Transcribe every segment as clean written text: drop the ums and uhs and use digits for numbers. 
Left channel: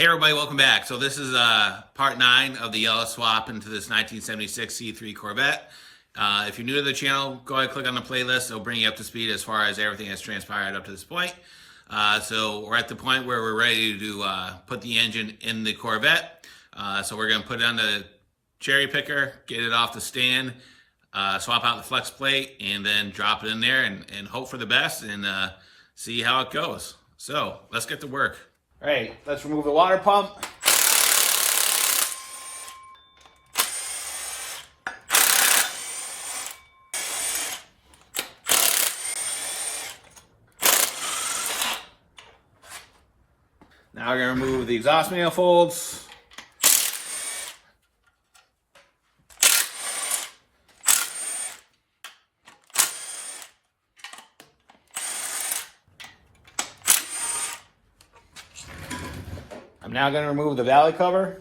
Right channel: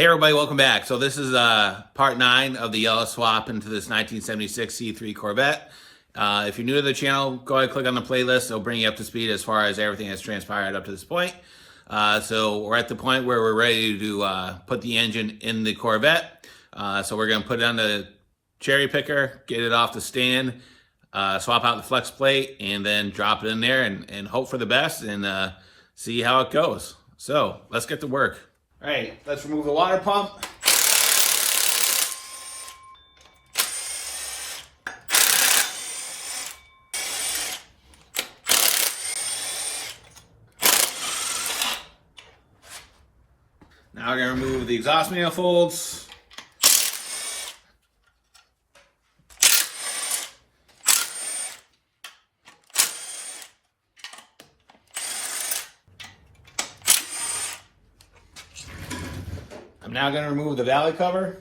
Hey everybody, welcome back. So this is part 9 of the yellow swap into this 1976 C3 Corvette. If you're new to the channel, go ahead and click on the playlist. It'll bring you up to speed as far as everything that's transpired up to this point. So we're at the point where we're ready to put the engine in the Corvette. So we're going to put it on the cherry picker, get it off the stand, swap out the flex plate, and then drop it in there and hope for the best and see how it goes. So let's get to work. All right, let's remove the water pump. Now we're going to remove the exhaust manifolds. I'm now going to remove the valley cover.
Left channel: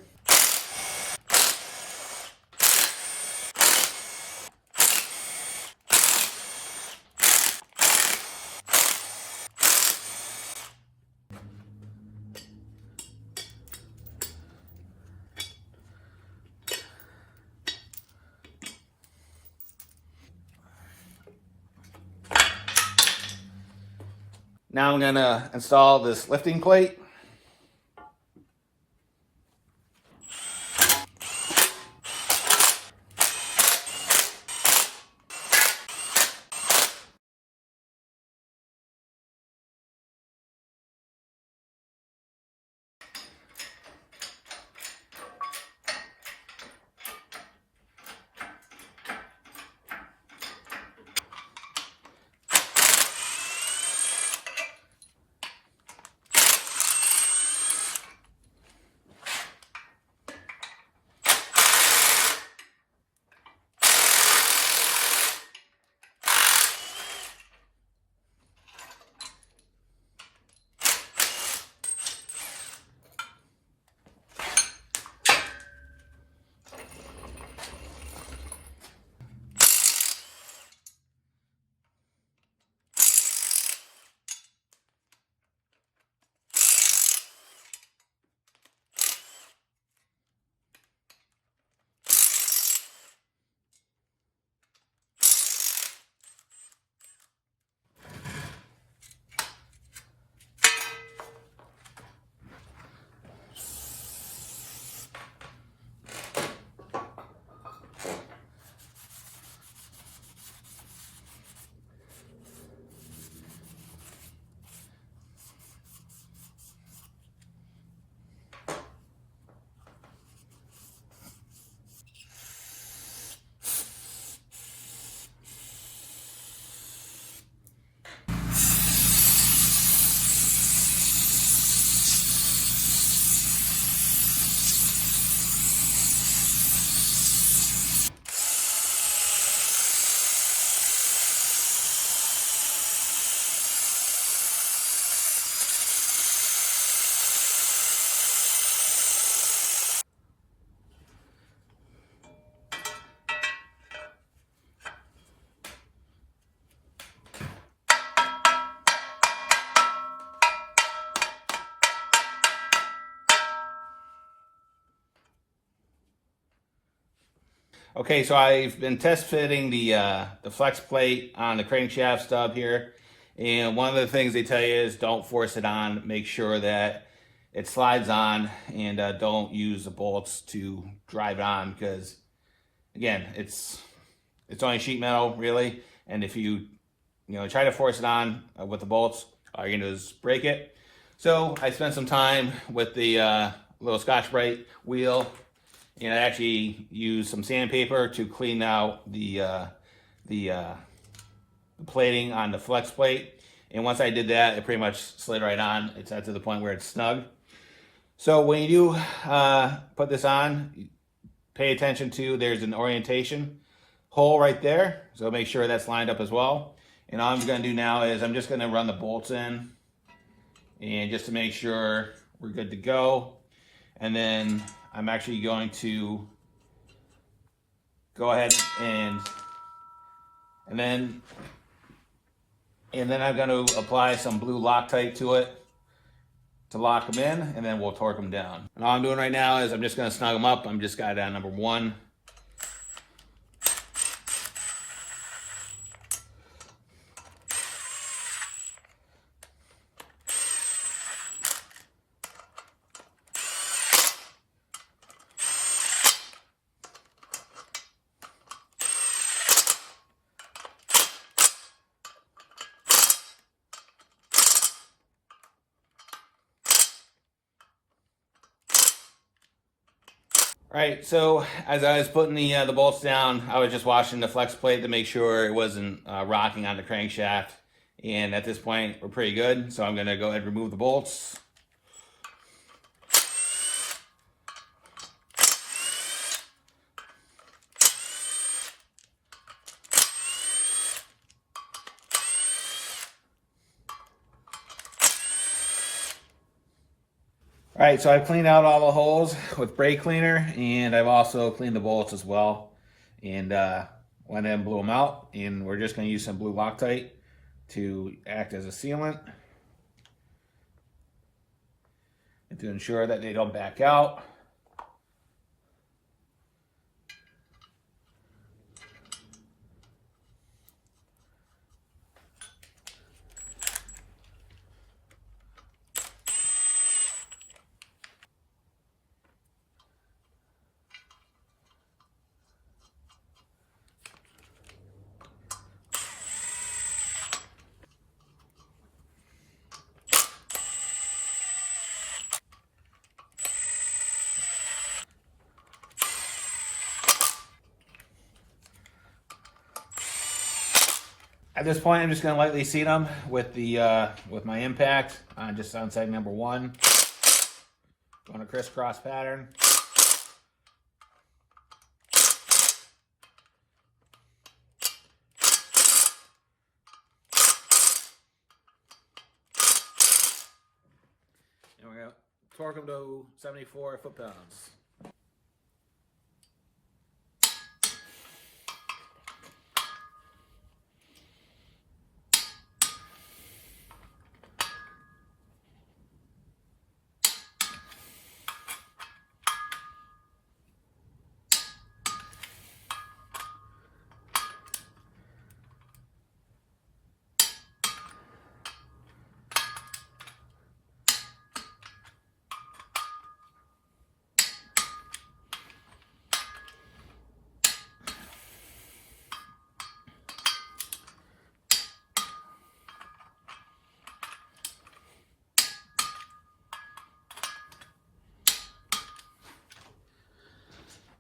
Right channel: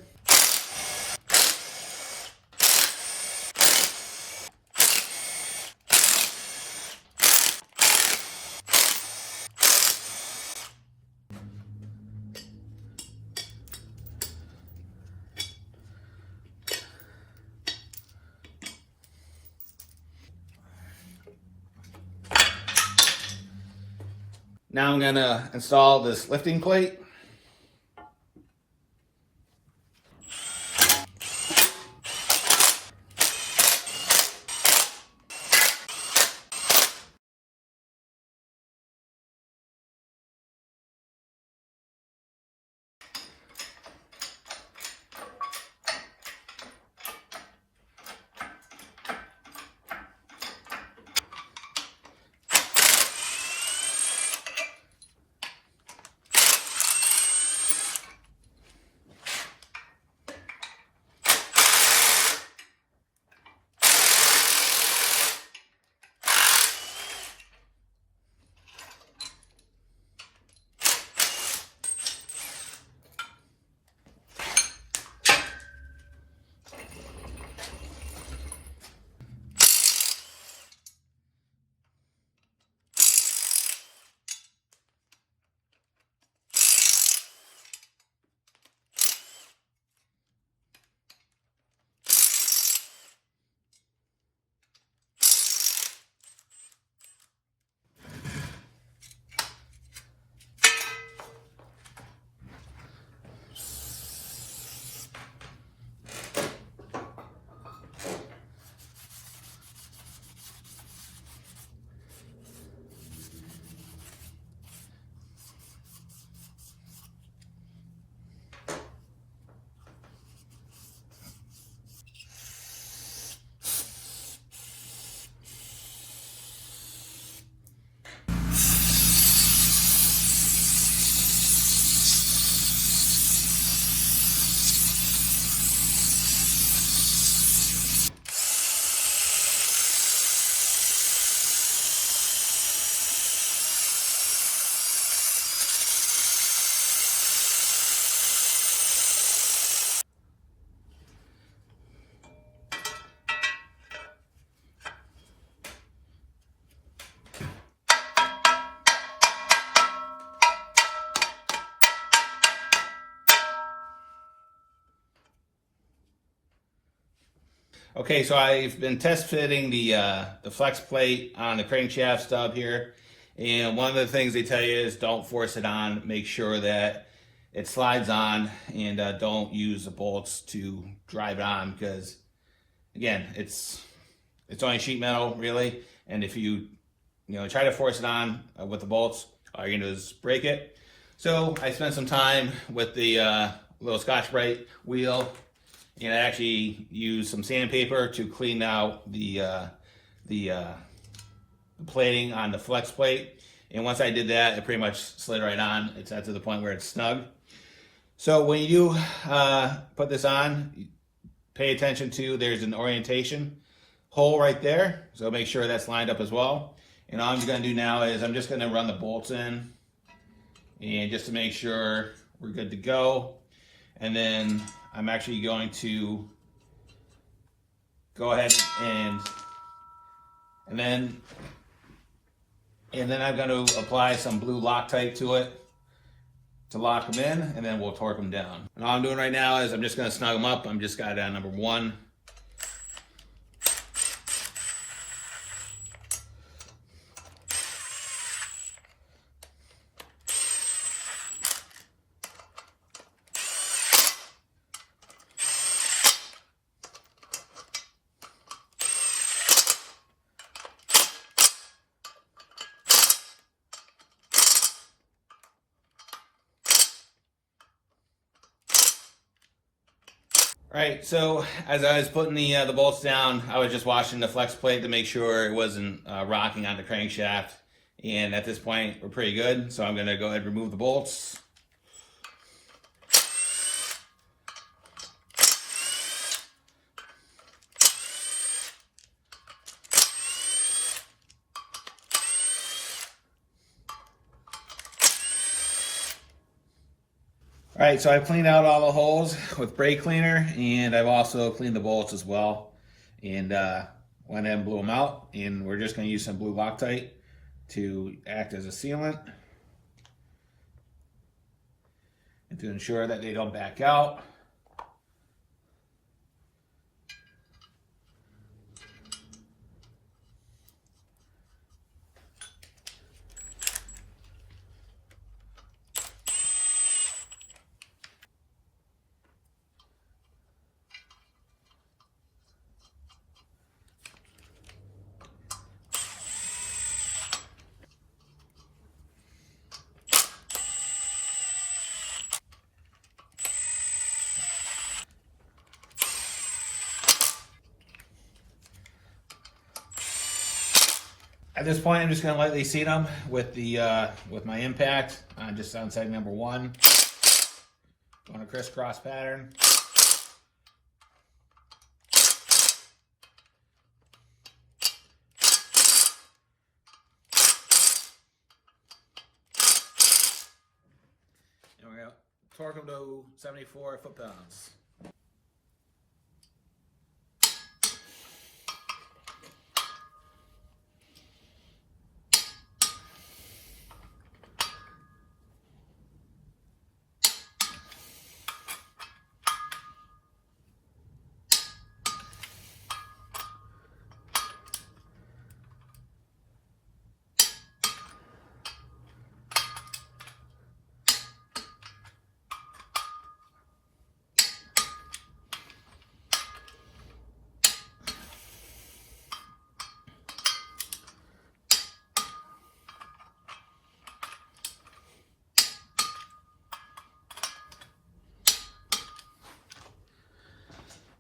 Now I'm going to install this lifting plate. Okay, so I've been test fitting the flex plate on the crankshaft stub here, and one of the things they tell you is don't force it on. Make sure that it slides on, and don't use the bolts to drive it on because, again, it's only sheet metal really, and if you try to force it on with the bolts, all you're gonna do is break it. So I spent some time with the little Scotch-Brite wheel. And I actually used some sandpaper to clean out the plating on the flex plate. And once I did that, it pretty much slid right on. It's at to the point where it's snug. So when you do put this on, pay attention to there's an orientation hole right there. So make sure that's lined up as well. And all I'm going to do now is I'm just going to run the bolts in, and just to make sure we're good to go. And then I'm actually going to go ahead and then I'm going to apply some blue Loctite to it to lock them in, and then we'll torque them down. And all I'm doing right now is I'm just going to snug them up. I'm just got number 1. Right, so as I was putting the bolts down, I was just washing the flex plate to make sure it wasn't rocking on the crankshaft. And at this point, we're pretty good. So I'm going to go ahead and remove the bolts. All right, so I've cleaned out all the holes with brake cleaner, and I've also cleaned the bolts as well. And went ahead and blew them out. And we're just going to use some blue Loctite to act as a sealant and to ensure that they don't back out. At this point, I'm just going to lightly seat them with the with my impact just on seg number 1. Going a crisscross pattern. And we're going to torque them to 74 foot-pounds.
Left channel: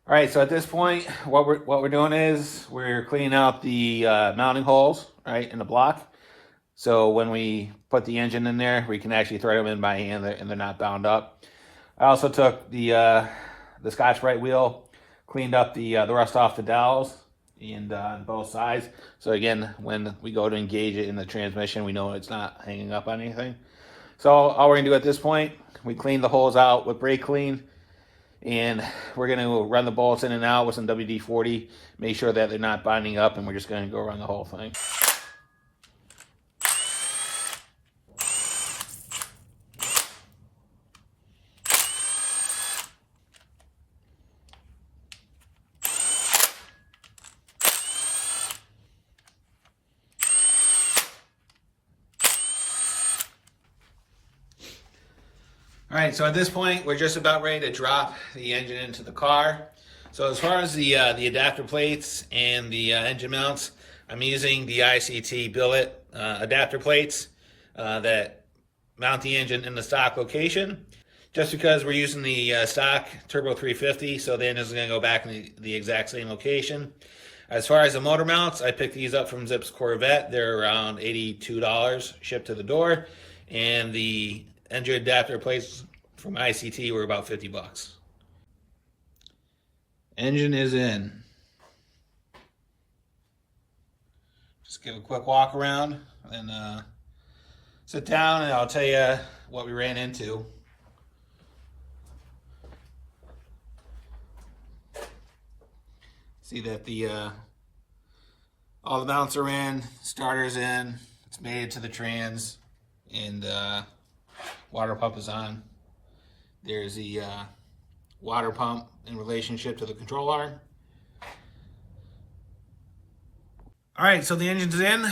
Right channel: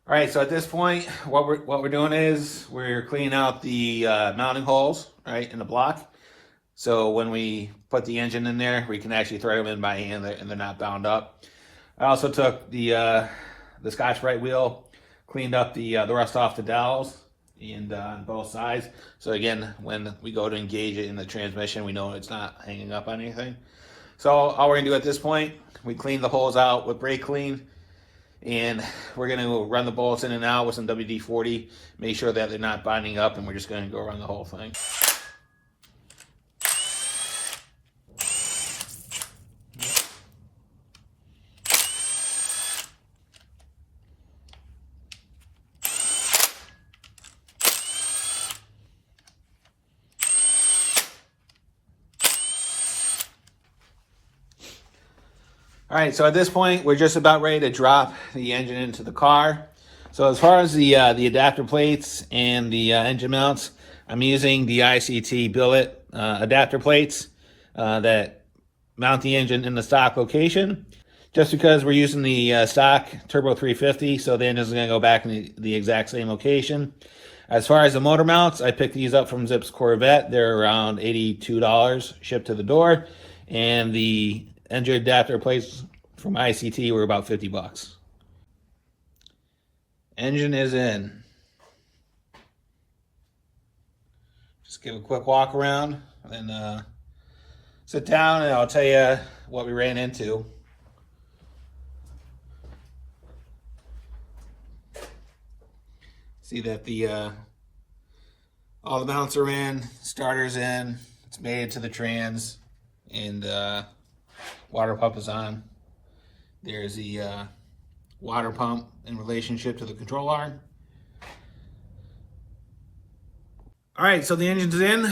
All right, so at this point, what we're doing is we're cleaning out the mounting holes, right, in the block. So when we put the engine in there, we can actually thread them in by hand and they're not bound up. I also took the Scotch-Brite wheel, cleaned up the rust off the dowels and on both sides. So again, when we go to engage it in the transmission, we know it's not hanging up on anything. So all we're gonna do at this point, we clean the holes out with brake clean. And we're going to run the bolts in and out with some WD-40, make sure that they're not binding up, and we're just going to go around the whole thing. All right, so at this point, we're just about ready to drop the engine into the car. So as far as the adapter plates and the engine mounts, I'm using the ICT Billet adapter plates that mount the engine in the stock location. Just because we're using the stock Turbo 350, so the engine's gonna go back in the exact same location. As far as the motor mounts, I picked these up from C3 Corvette. They're around $82 shipped to the door. And the engine adapter plates from ICT were about 50 bucks. Engine is in. Just give a quick walk around and then sit down and I'll tell you what we ran into. See that the all the mounts are in, starter's in, it's made it to the trans, and water pump is on. There's the water pump in relationship to the control arm. All right, so the engine's in.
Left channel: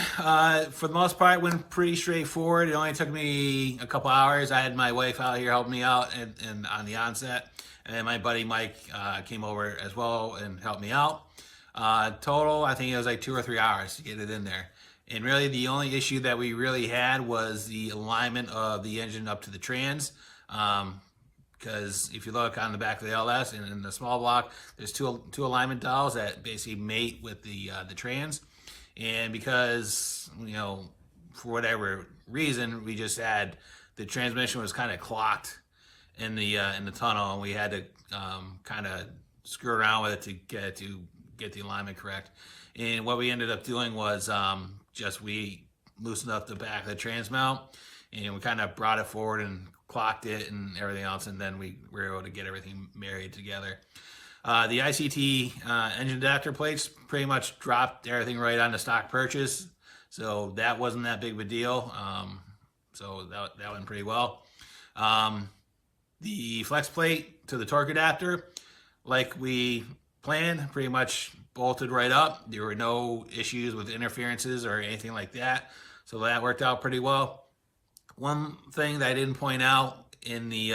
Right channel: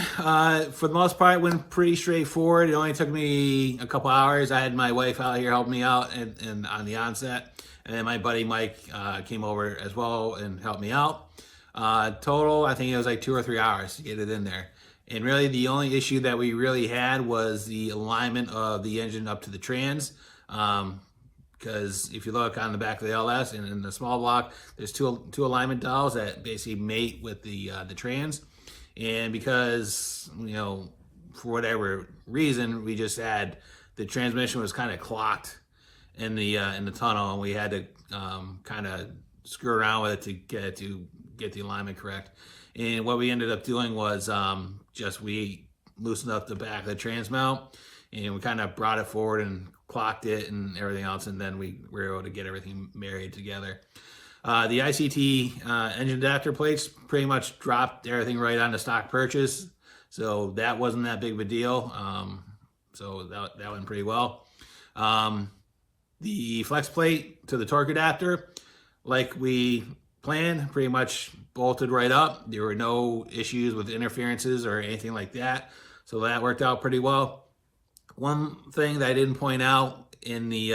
For the most part, it went pretty straightforward. It only took me a couple hours. I had my wife out here helping me out and on the onset. And then my buddy Mike came over as well and helped me out. Total, I think it was like 2 or 3 hours to get it in there. And really the only issue that we really had was the alignment of the engine up to the trans. Because if you look on the back of the LS and in the small block, there's two alignment dials that basically mate with the trans. And because, you know, for whatever reason, we just had the transmission was kind of clocked in the tunnel, and we had to kind of screw around with it to get the alignment correct. And what we ended up doing was we loosened up the back of the trans mount, and we kind of brought it forward and clocked it and everything else, and then we were able to get everything married together. The ICT engine adapter plates pretty much dropped everything right on the stock purchase, so that wasn't that big of a deal. So that went pretty well. The flex plate to the torque adapter, like we planned, pretty much bolted right up. There were no issues with interferences or anything like that, so that worked out pretty well. One thing that I didn't point out in the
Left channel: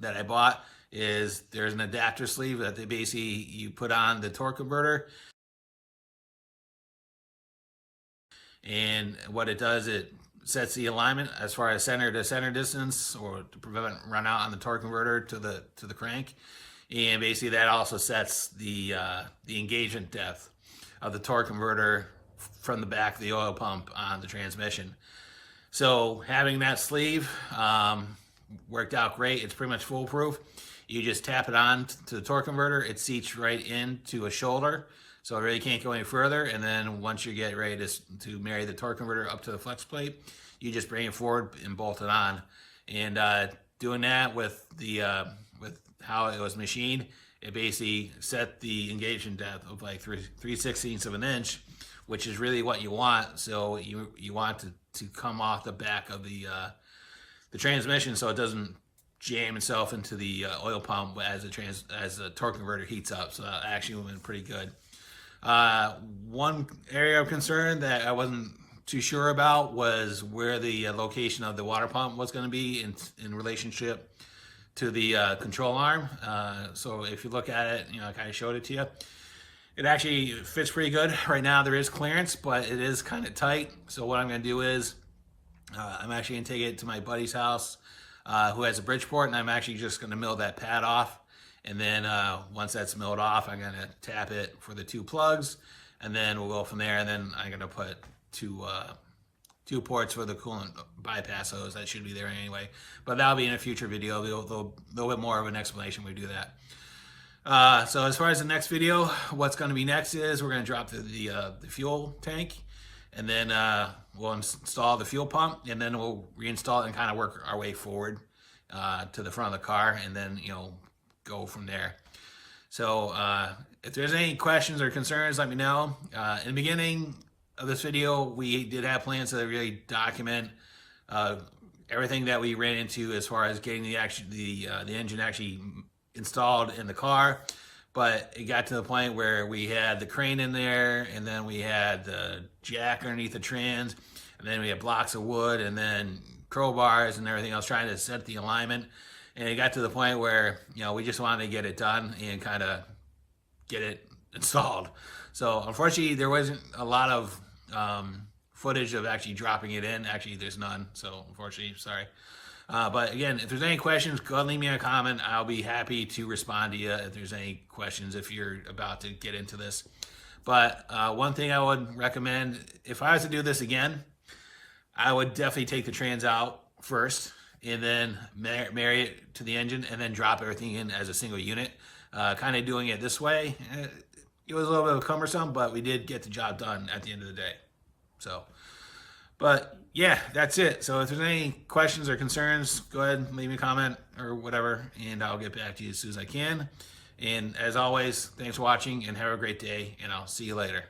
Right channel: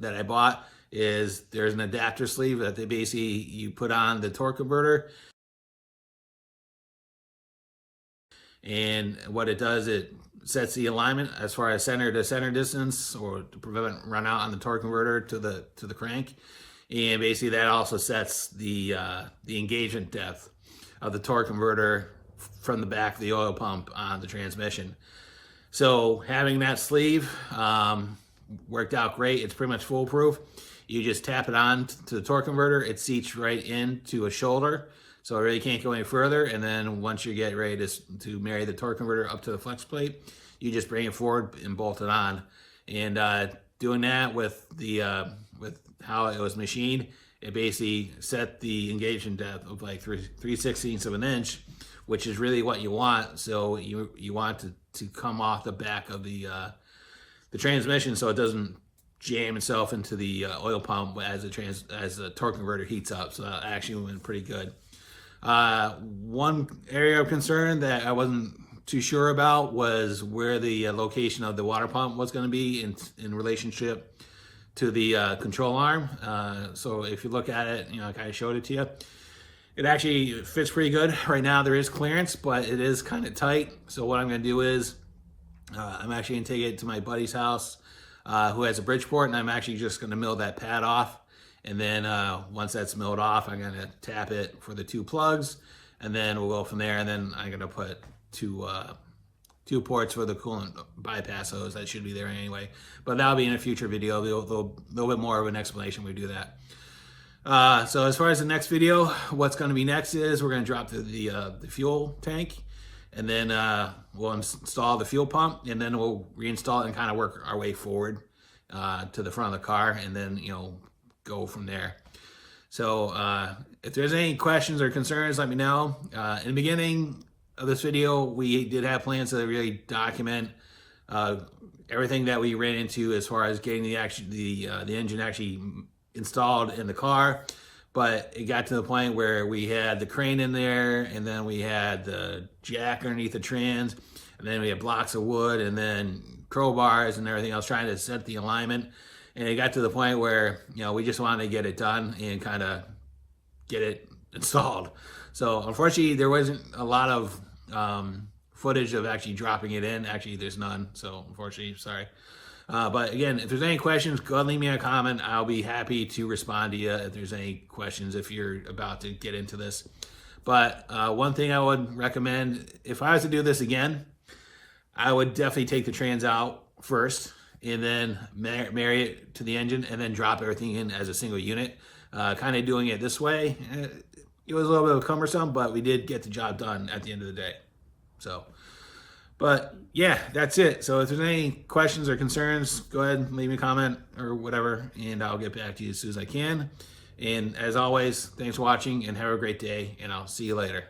that I bought is there's an adapter sleeve that they basically you put on the torque converter, and what it does, it sets the alignment as far as center to center distance, or to prevent run out on the torque converter to the crank, and basically that also sets the engagement depth of the torque converter from the back of the oil pump on the transmission. So having that sleeve worked out great. It's pretty much foolproof. You just tap it on to the torque converter. It seats right into a shoulder, so it really can't go any further. And then once you get ready to marry the torque converter up to the flex plate, you just bring it forward and bolt it on. And doing that with how it was machined, it basically set the engagement depth of like 3/16 of an inch, which is really what you want. So you want to come off the back of the transmission, so it doesn't jam itself into the oil pump as the torque converter heats up. So that actually went pretty good. One area of concern that I wasn't too sure about was where the location of the water pump was going to be in relationship to the control arm. So if you look at it, you know, I kind of showed it to you. It actually fits pretty good. Right now there is clearance, but it is kind of tight. So what I'm going to do is I'm actually going to take it to my buddy's house who has a Bridgeport, and I'm actually just going to mill that pad off. And then once that's milled off, I'm going to tap it for the 2 plugs, and then we'll go from there. And then I'm going to put two ports for the coolant bypass hose. That should be there anyway, but that'll be in a future video. A little bit more of an explanation when we do that. So as far as the next video, what's going to be next is we're going to drop the fuel tank, and then we'll install the fuel pump, and then we'll reinstall it and kind of work our way forward to the front of the car, and then, you know, go from there. So if there's any questions or concerns, let me know. In the beginning of this video, we did have plans to really document everything that we ran into as far as getting the engine actually installed in the car. But it got to the point where we had the crane in there, and then we had the jack underneath the trans, and then we had blocks of wood, and then crowbars and everything else trying to set the alignment. And it got to the point where, you know, we just wanted to get it done and kind of get it installed. So unfortunately, there wasn't a lot of footage of actually dropping it in. Actually, there's none. So unfortunately, sorry. But again, if there's any questions, go ahead and leave me a comment. I'll be happy to respond to you if there's any questions if you're about to get into this. But one thing I would recommend, if I was to do this again, I would definitely take the trans out first, and then marry it to the engine, and then drop everything in as a single unit. Kind of doing it this way, it was a little bit cumbersome, but we did get the job done at the end of the day. So, but yeah, that's it. So if there's any questions or concerns, go ahead and leave me a comment or whatever, and I'll get back to you as soon as I can. And as always, thanks for watching, and have a great day, and I'll see you later.